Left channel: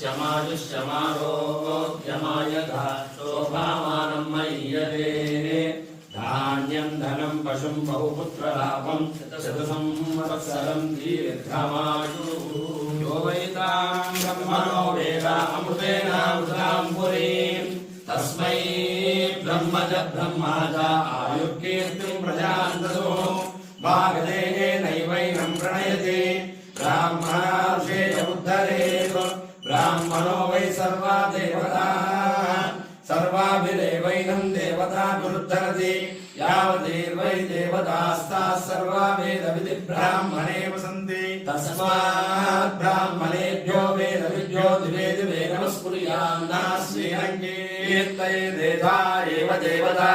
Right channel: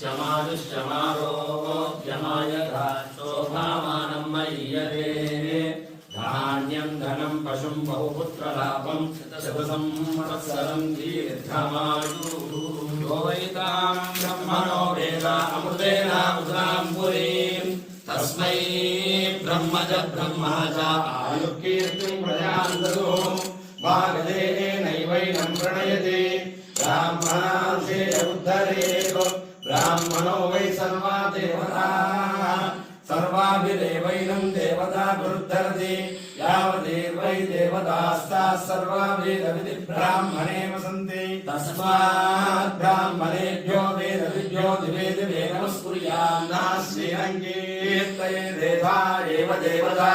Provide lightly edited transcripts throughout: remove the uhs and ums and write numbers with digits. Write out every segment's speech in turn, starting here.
शमायुष्यमारोग्यमायका शोभामानं मय्यते धान्यं धनं पशुं बहुपुत्रलाभं शतसंवत्सरं दीर्घमायुः यो वैतां ब्रह्मणो वेद अमृतेनामृतां पुरीं तस्मै ब्रह्म च ब्रह्मा च आयुर्कीर्तिं प्रजां ददुः भागदेनैवैनं प्रणयति ब्राह्मणार्षे उद्धरेत् ब्राह्मणो वै सर्वा देवताः सर्वाभिदेवैनं देवताभिरुद्धरति यावदेवै देवतास्ताः सर्वा वेदविधि ब्राह्मणे वसन्ति तस्मात् ब्राह्मणेभ्यो वेदविद्यो दिवे दिवे नमस्कुर्यान्ना श्रीरङ्गीर्तयेदेधा एव देवता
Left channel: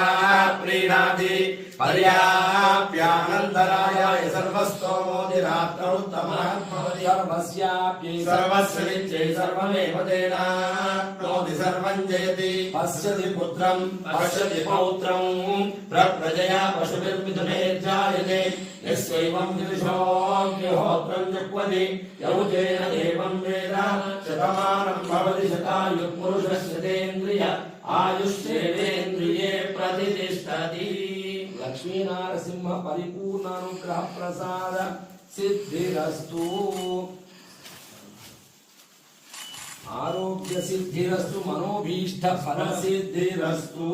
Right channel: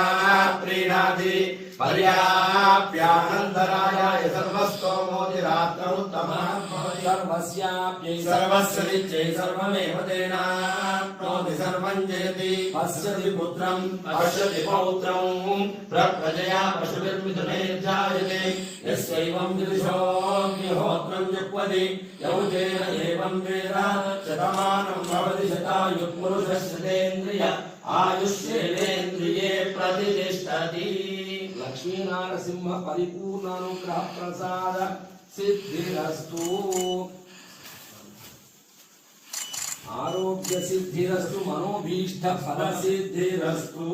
प्रीणाति पर्याप्यानन्तरायाय सर्वस्तोमोदिरात्मोत्तमः सर्वस्याप्यै सर्वस्यनित्यै सर्वमेव तेनाप्नोति सर्वं जयति पश्यति पुत्रं पश्यति पौत्रं प्रजया पशुभिर्मिथुनैर्जायते यस्यैवं विदिशोऽग्निहोत्रं जुह्वति यौतेन एवं वेद शतमानं भवति शतायुः पुरुषस्यतेन्द्रिय आयुष्येवेन्द्रिये प्रतिष्ठति। लक्ष्मी नारसिंह परिपूर्ण अनुग्रह प्रसाद सिद्धिरस्तु आरोग्य सिद्धिरस्तु मनोभीष्ट फल सिद्धिरस्तु।